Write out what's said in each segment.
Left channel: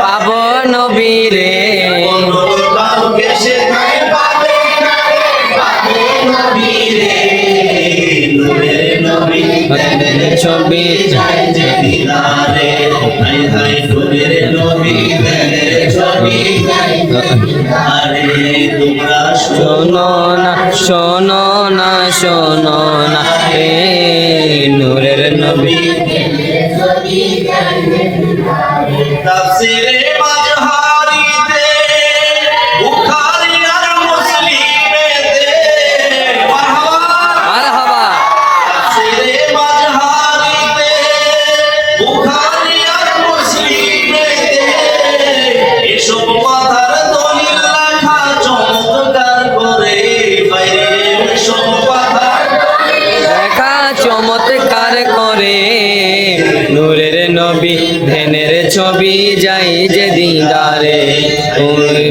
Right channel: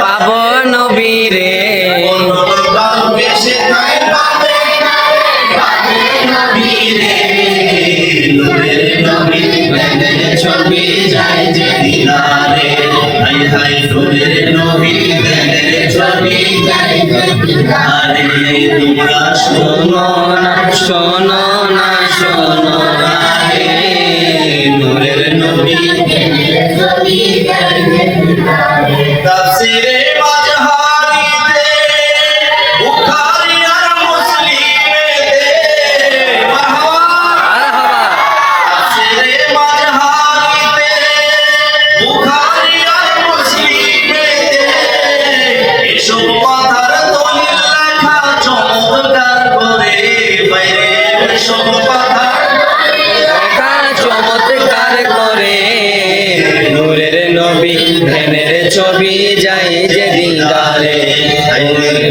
পাবো নবীরে ছবি যাই যে দিদারে হাই হাই নূরের নবী ছবি যাই যে দিদারে তোমরা শোনো না শোনো না শোনো না হে নূরের নবী ছবি যাই যে দিদারে তাফসীরে মাজহারিতে বুখারী আর মুসলিমেতে মারহাবা তাফসীরে মাজহারিতে বুখারী আর মুসলিমেতে এসব মাথার দলিল লেখা চমৎকার করে বাইরে এসব মাথার লেখা চমৎকার করে নূরের নবী ধ্যানের ছবি যাই যে দিদারে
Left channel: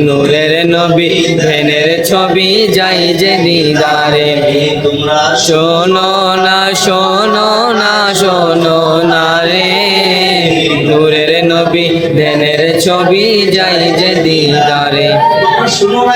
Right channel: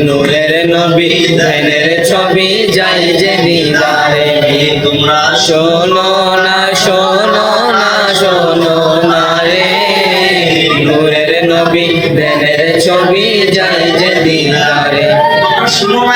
নূরের নবী ধ্যানের ছবি যাই যে দিদারে তোমরা শোনো না শোনো না শোনো না রে নূরের নবী ধ্যানের ছবি যাই যে দিদারে তোমরা শুনো না